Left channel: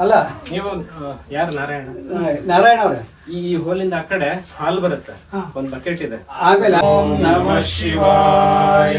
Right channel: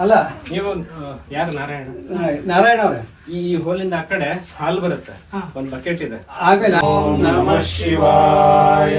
ಅಲ್ಲ ನೀವು ಯಾರು ನಾರಾಯಣ? ನಾರಾಯಣ ಅವ್ರೆ. ಈ ಹೋಲಿಂದ ಆ ಕಡೆ ಹಾಲ್ ಬರುತ್ತೆ. ಒಂದ್ ಬಕೆಟ್ ಇದೆ. ಆಮೇಲೆ ಓಂ ನಮ ಶಿವಾಯ.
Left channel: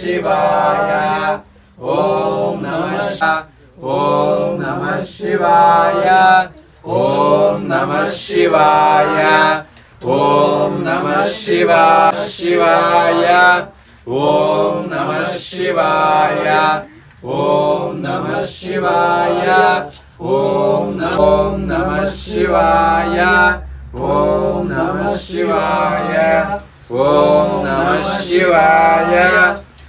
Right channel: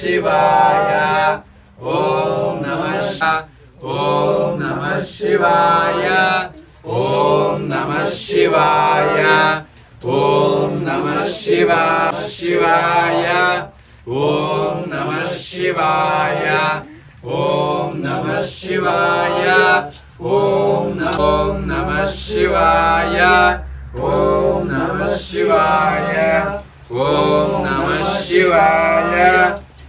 శివాయ ఓం నమ ఓం నమ శివాయ ఓం నమ శివాయ ఓం నమ శివా శివాయ ఓం నమ శివాయ ఓం నమ శివాయ ఓం నమో నమ శివాయ ఓం నమ శివాయ ఓం నమ శివాయ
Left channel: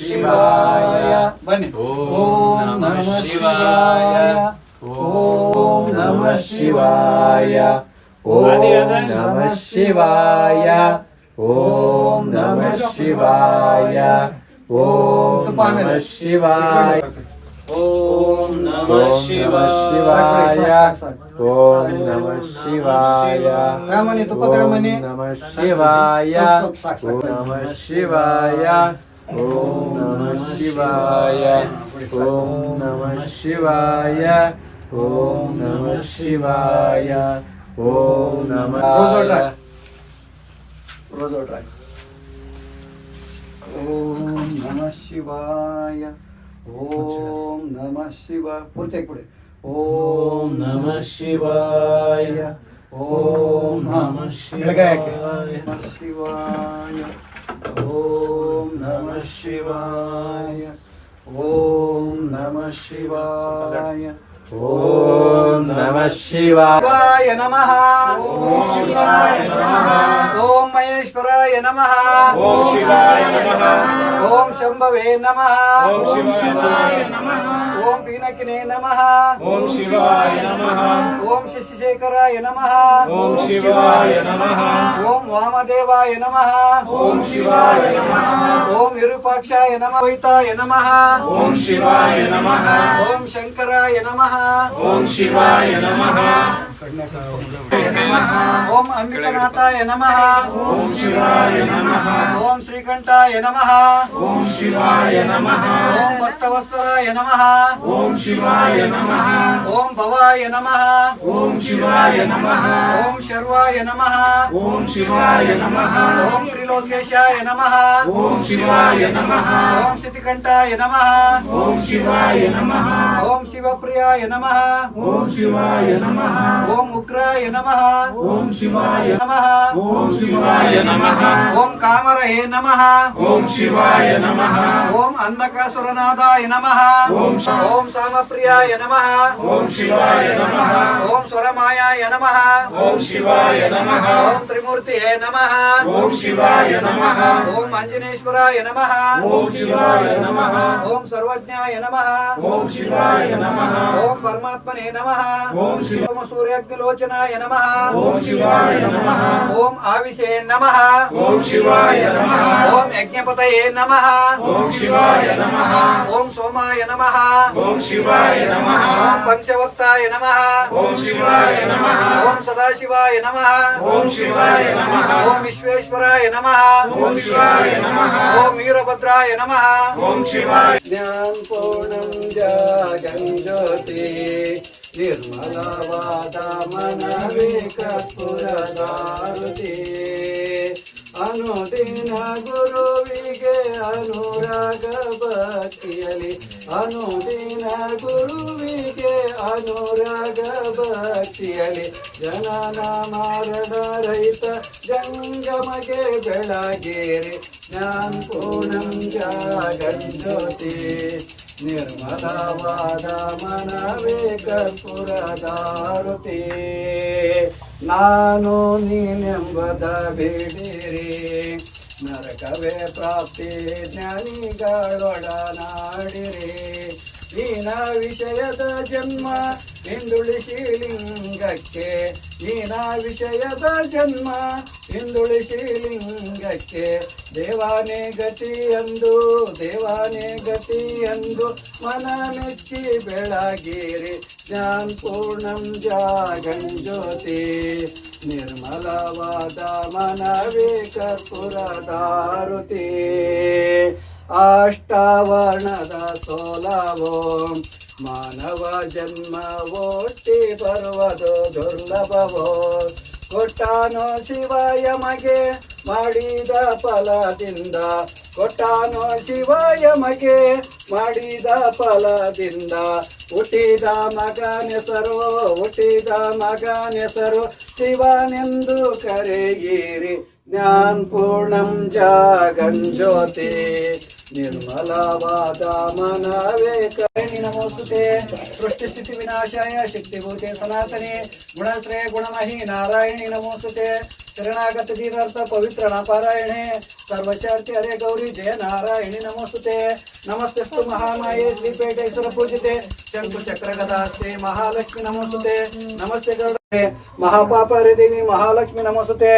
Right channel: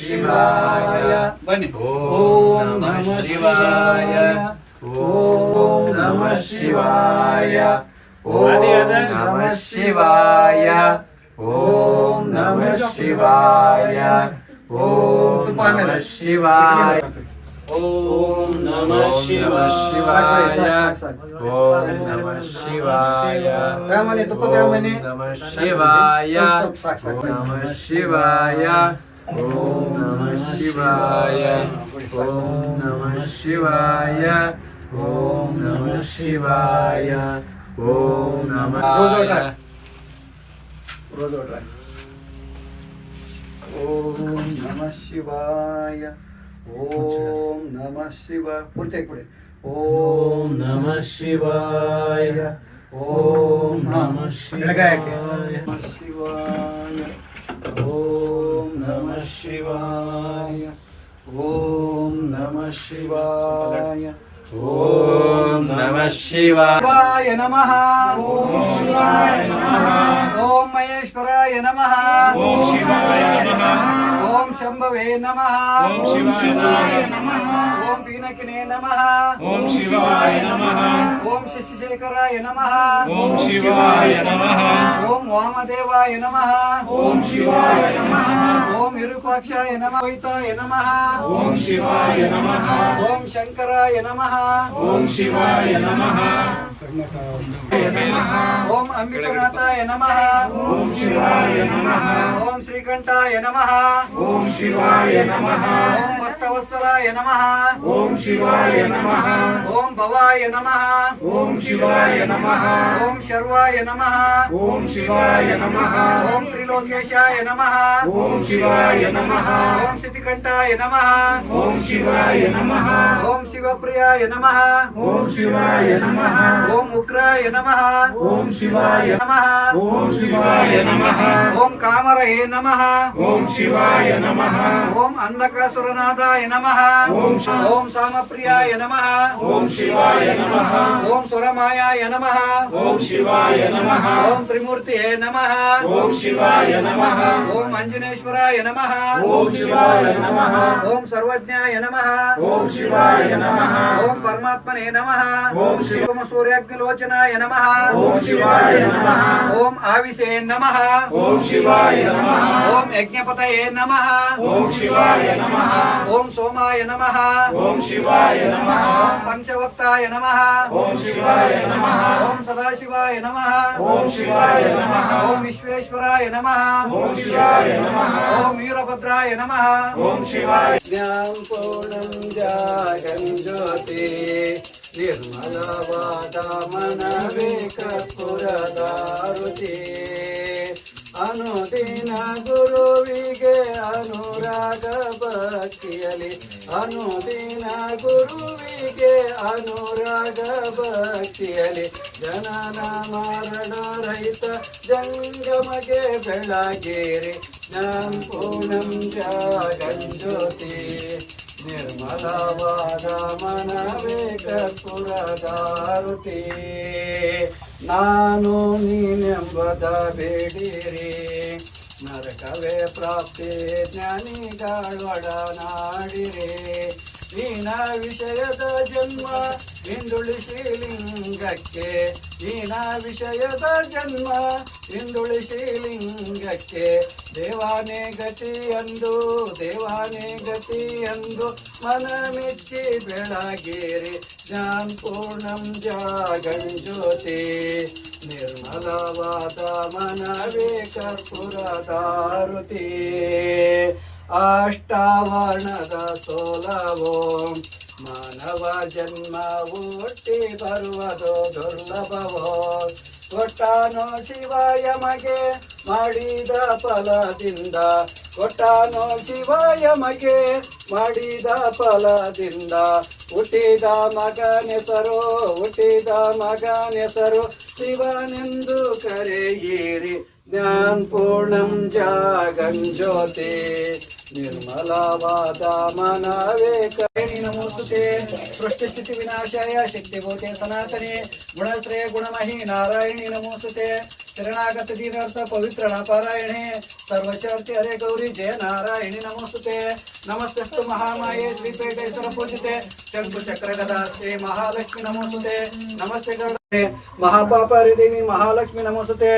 ಶಿವಾಯ ಬನ್ನಿ ಓಂ ನಮ ಶಿವಾಯ ಓಂ ನಮ ಶಿವಾಯ ಓಂ ನಮ ಶಿವಾಯ ಓಂ ನಮ ಶಿವಾಯ ಓಂ ತುಪ್ಪ ಆಮೇಲೆ ಶಿವಾಯ ಓಂ ನಮ ಶಿವಾಯ ಓಂ ನಮ ಶಿವಾಯ ತಗೊಂಬನ್ನಿ ತುಪ್ಪ ತಗೊಂಬನ್ನಿ ನಮ ಶಿವಾಯ ಸ್ವಲ್ಪ ಸಾಕು ಸಾಕು ಓಂ ನಮ ಶಿವಾಯ ಓಂ ನಮ ಶಿವಾಯ ಓಂ ನಮ ಶಿವಾಯ ओम नमः शिवाय ओम नमः शिवाय ओम नमः शिवाय ओम नमः रोज ओम नमः शिवाय ओम नमः शिवाय पुढचे पुढे ओम नमः शिवाय ओम नमः शिवाय शिवाय ओम शिवाय ॐ नमः शिवाय ॐ नमः शिवाय नमः ॐ महेश्वराय नमः ॐ शम्भवे नमः పీనకినే నమ. ఓం శివాయ నమ. ఓం శశిశేఖరాయ నమ. ఓం శివాయ నమ. ఓం వామదేవాయ నమ. ఓం శివాయ నమ. ఓం విరూపాక్షాయ నమ. శంకరాయ నమ. ఓం శివాయ నమ. ओम अंबिकानाथाय नमः ओम शिवाय नमः ओम श्रीकंठाय नमः ओम शिवाय नमः ओम भक्तवत्सलाय नमः ओम शिवाय नमः ओम भवाय नमः ओम शिवाय नमः ओम शर्वाय नमः ओम शिवाय नमः ओम त्रिलोकेशाय नमः ओम शिवाय नमः ओम सिद्धिकंठाय नमः ओम शिवाय नमः ओम शिवप्रियाय नमः ओम शिवाय नमः ओम ఓం ఉగ్రాయ నమ ఓం శివాయ నమ ఓం శివాయ నమ ఓం కామరహే నమ ఓం శివాయ నమ ఓం అంధకాసురనాథాయ నమ ఓం ఓం సామప్రియాయ నమ ఓం శివాయ నమ ఓం సురమాయాయ నమ ఓం శివాయ నమ ఓం త్రిమూర్తియే నమ ఓం శివాయ నమ ఓం అంజనేశ్వరాయ నమ ఓం శివాయ నమ ఓం సర్వజ్ఞాయ నమ ఓం శివాయ నమ ఓం పరమాత్మనే నమ ఓం శివ लोचनाय नमः ओम शिवाय नमः ओम आविशे नमः ओम शिवाय नमः ओम यज्ञपतये नमः ओम शिवाय नमः ओम सोमाय नमः ओम शिवाय नमः ओम पंचवक्ताय नमः ओम शिवाय नमः ओम सदाशिवाय नमः ओम शिवाय नमः ओम विश्वेश्वराय नमः ओम शिवाय नमः ओम वीरभद्राय नमः ओम शिवाय ज्ञान पूर्णं जागं ज्योति ನಿರ್ಮಲವಾದ ಮನವೇ ಕರ್ಪುರದಾರುತಿ ಅನುದಿನ ಗುರುವಿಗೆ ಅನುರಾಗ ಭಕ್ತಿಯಲಿ ಅನುದಿನ ಗುರುವಿಗೆ ಅನುರಾಗ ಭಕ್ತಿಯಲಿ ಜನನ ಮಾರಣ ರೈತ ಜಂಗಮಗೆ ಬೆಳಗೇರಿ. ನಾನ್ ಪೂರ್ಣಂ ಜಾಗಜ್ಯೋತಿ. ನಿರ್ಮಲವಾದ ಮನವೇ ಕರ್ಪುರದಾರುತಿ. ನಾನು ನೀನೆಂಬದ ಬೇಡಿರಿ. ನರಕವೇ ಪ್ರಾಪ್ತಿ ಜ್ಞಾನಿಗಳೊಡನಾಡಿರಿ. ನೀನ ವಿಷಯದ ಜನ್ಮ ಹಿಂದುಳಿ ಶಿವಲಿಂಗಕ್ಕೆ ನೀನ ವಿಷಯದ ಜನ್ಮ ಹಿಂದುಳಿ ಶಿವಲಿಂಗಕ್ಕೆ ದೇವಾನೇ ಗತಿ ಎಂದು ದೇವಾನೇ ಗತಿ ಎಂದು ಮನ ಮೆಚ್ಚಿ ಬೆಳಗಿರಿ. ಜ್ಞಾನ ಪೂರ್ಣಂ ಜಾಗಂ ಜ್ಯೋತಿ. ನಿರ್ಮಲವಾದ ಮನವೇ ಕರ್ಪುರದಾರುತಿ. ಅಷ್ಟಾವರ್ಣದ ಸೋಲವೋ, ಮಾನವ ಜನ್ಮ ಒಟ್ಟಿ ಬರುವುದು ದುರ್ಲಭವೋ. ಕೊಟ್ಟಾನು ಶಿವ ಯಮಗೆ ಮಾಡಿದ ಫಲದಿಂದ, ಕೊಟ್ಟಾನು ಶಿವ ಯಮಗೆ ಮಾಡಿದ ಫಲದಿಂದ. ಹುಟ್ಟಿದ ಮಗನೆಸರು ಹುಟ್ಟಿದ ಮಗನೆಸರು ಶಿವನೆಂದು ಕರೆಯಿರಿ. ಪೂರ್ಣಂ ಜಾಗಂ निर्मलावाचा मनवे करेणी नमोस्तुते सृष्टिस्थिती विनाशाय शक्तिभूते सनातने गुणश्रेय गुणमही नारायणी नमोस्तुते शरणागत दीनार्थ पवित्र नापारायणे सर्वशर्ति हरे गौरी जय नारायणी नमोस्तुते नमस्तस्तु महामाये श्रीपेटेश्वर पूजिते शंकुचक्र कदास्ते महालक्ष्मी नमोस्तुते नमस्ते गरुड ನಮಸ್ತೆ ಗರುಡ ಮಹಾಪಾಪ ದೇವಿ ಮಹಾಲಕ್ಷ್ಮಿ ನಮಸ್ತುತೆ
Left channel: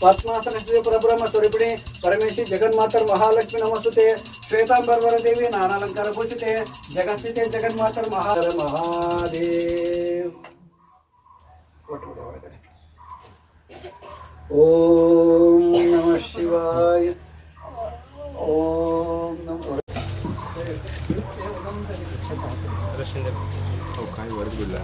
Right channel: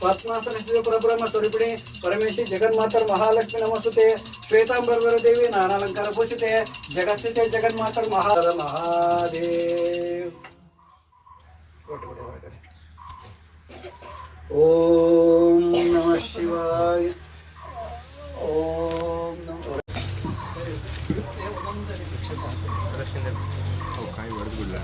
ಪದ್ಮಾಸನ ಶ್ರೀ ಪರಬ್ರಹ್ಮ ಸ್ವರೂಪಿಣಿ ಪರಮೇಶಿ ಜಗನ್ಮಾತರ್ ಮಹಾಲಕ್ಷ್ಮಿ ನಮಸ್ತುತೆ ಶ್ವೇತಾಂಬರ್ವರ ದೇವಿ ನಾನಾಲಂಕಾರ ಭೂಷಿತೆ ಜಗಸ್ಥಿತೆ ಜಗನ್ಮಾತರ್ ಮಹಾ ಮಹಾದೇವ್ ಓಂ ನಮ ಶಿವಾಯ ಓಂ ನಮ काय वरच बुडला